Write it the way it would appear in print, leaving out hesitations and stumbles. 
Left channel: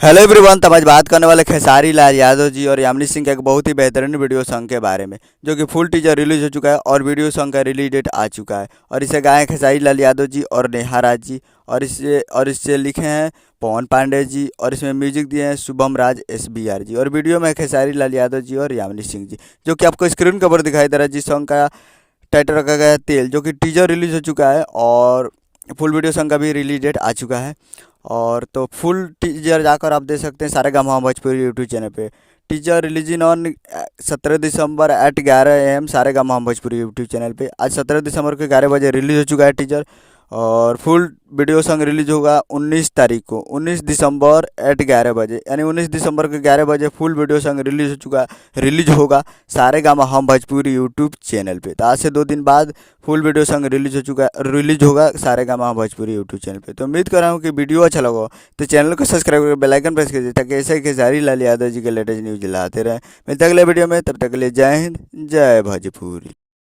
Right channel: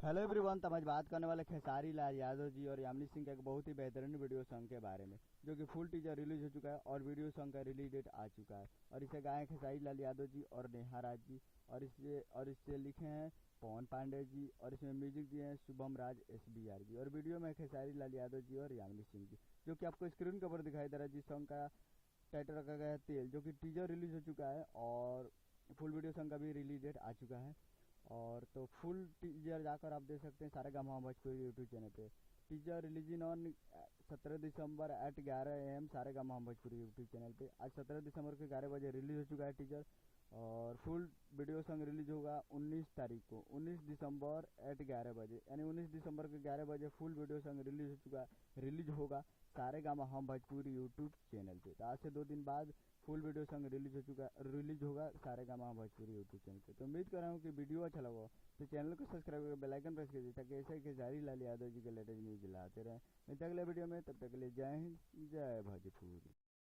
Hello everyone. तब आज बात करने वाले खेसारी लाल यादव जी और यामिनी सिंह के एक बहुत ही बेहतरीन वीडियो सॉन्ग के बारे में, जो कि फुल टीजर रिलीज हो चुका है और वीडियो सॉन्ग का रिलीज डेट आ चुका है। और इसे गाए हैं खेसारी लाल यादव जी और नेहा राज जी। और इससे लिखे हैं पवन पांडे जी। और इसमें म्यूजिक दिए हैं शुभम राज SBR जी। और वीडियो में खेसारी लाल यादव जी और यामिनी सिंह जी, जो कि आपको स्क्रीन के ऊपर दिखाई दे रहा है। जिस सॉन्ग का टाइटल रखा गया है तेल, जो कि टीजर रिलीज हो चुका है और फुल वीडियो सॉन्ग का भी रिलीज डेट आ चुका है। और तो फुल टीजर जाकर आप देख सकते हैं सारेगामा भोजपुरी यूट्यूब चैनल पे। Teaser releasing on 17 December at 11 AM Saregama Bhojpuri YouTube channel पे। आज 17 दिसंबर को 11 बजे रिलीज हो चुका है टीजर। और फुल वीडियो सॉन्ग रिलीज होगा 19 तारीख को, 19 दिसंबर एट 11 बजे, यानी 19 दिसंबर को 11 बजे फुल वीडियो सॉन्ग रिलीज होगा सारेगामा भोजपुरी यूट्यूब चैनल पे। तो आज से 2 दिन बाद फुल वीडियो सॉन्ग रिलीज होगा सारेगामा भोजपुरी यूट्यूब चैनल पे। तो उम्मीद कर रहा हूँ कि वीडियो अच्छा लगा हो, तो चैनल को सब्सक्राइब करके बेल आइकन प्रेस कीजिए, ताकि ऐसे ही खेसारी लाल यादव जी के लेटेस्ट न्यूज लाते रहें। मिलते हैं अगले वीडियो में, तब तक के लिए जय हिंद, जय भोजपुरी।